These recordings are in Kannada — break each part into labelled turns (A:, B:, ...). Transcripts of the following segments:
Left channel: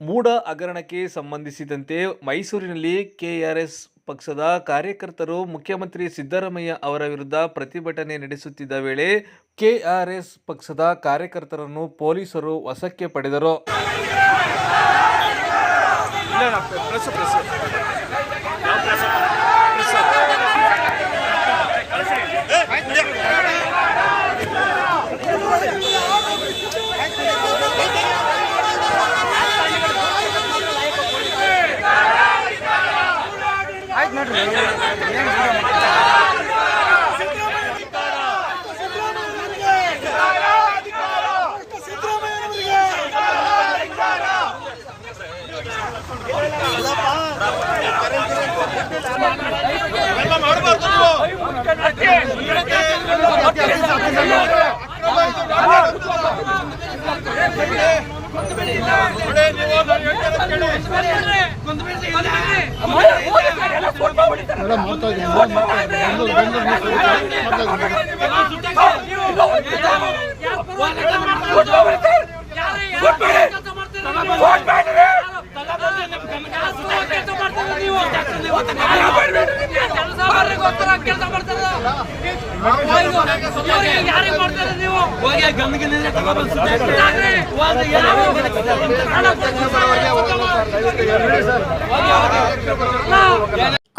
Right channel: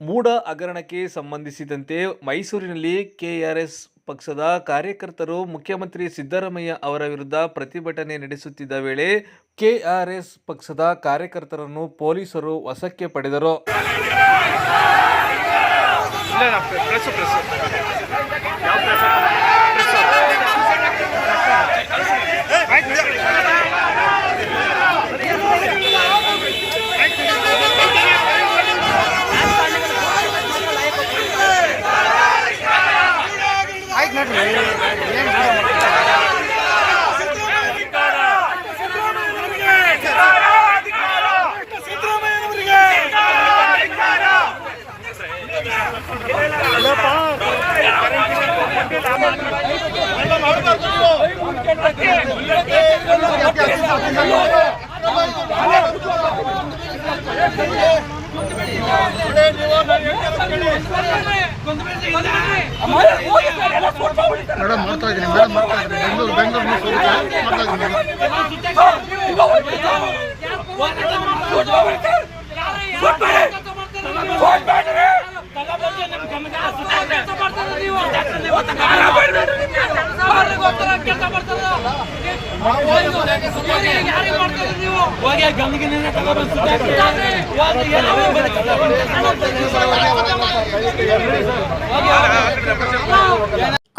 A: ಮೂಡ ಹಗರಣಕ್ಕೆ ಸಂಬಂಧಿಸಿದಂತೆ ಮೈಸೂರಿನಲ್ಲಿ ಕೆಆರ್ಎಸ್ ಪಕ್ಷದ ಕಾರ್ಯಕರ್ತರು ಮುಖ್ಯಮಂತ್ರಿ ಸಿದ್ದರಾಮಯ್ಯ ಅವರ ವಿರುದ್ಧ ಪ್ರತಿಭಟನೆ ನಡೆಸುತ್ತಿದ್ದ ವೇಳೆ ಕೆಆರ್ಎಸ್ ಪಕ್ಷದ ಕಾರ್ಯಕರ್ತರನ್ನು ಪೊಲೀಸರು ವಶಕ್ಕೆ ಪಡೆದರು.
B: ಇಲ್ಲ ಇಲ್ಲ ಪ್ರೆಸ್ ಪ್ರೆಸ್ ಆಯ್ತು ನೋಡ್ರಿ ಏನು
C: ಮೇಡಮ್ ಮಾಡ್ತಾ ಇದ್ದೀನಿ ಮೇಡಮ್ ಮಾಡ್ತಾ ಇದ್ದೀನಿ. ಬೆಂಗಳೂರು ಬೆಂಗಳೂರು ಮಾಡ್ತಾ ಇದ್ದೀನಿ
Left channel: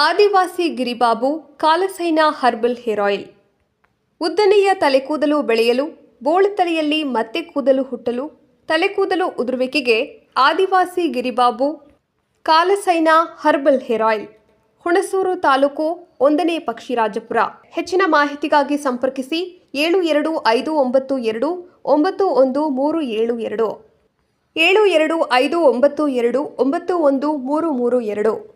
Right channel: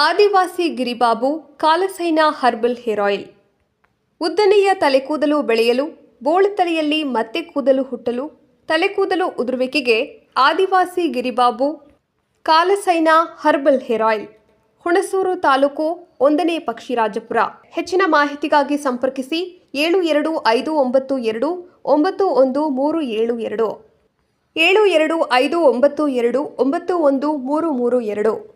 D: Adivasi Giribabu, Kalasaina herbal hair oil. ಉದ್ದನೆಯ ತಲೆಕೂದಲು ಬೆಳೆಯಲು ಬೋಳುತಲೆಯಲ್ಲಿ ಮತ್ತೆ ಕೂದಲು ಹುಟ್ಟಲು, ತಲೆಕೂದಲು ಉದುರುವಿಕೆಗೆ Adivasi Giribabu, Kalasaina herbal hair oil. Hunsur taluk ಒಂದನೇ ಪಕ್ಷಿರಾಜಪುರ. ಹೆಚ್ಚಿನ ಮಾಹಿತಿಗಾಗಿ ಸಂಪರ್ಕಿಸಿ ಏಳು ಎರಡು ಐದು ಒಂಬತ್ತು ಎರಡು, ಒಂಬತ್ತು ಒಂದು ಮೂರು ಏಳು ಎರಡು. ಏಳು ಎರಡು ಐದು ಒಂಬತ್ತು ಎರಡು, ಒಂಬತ್ತು ಒಂದು ಮೂರು ಮೂರು ಎರಡು.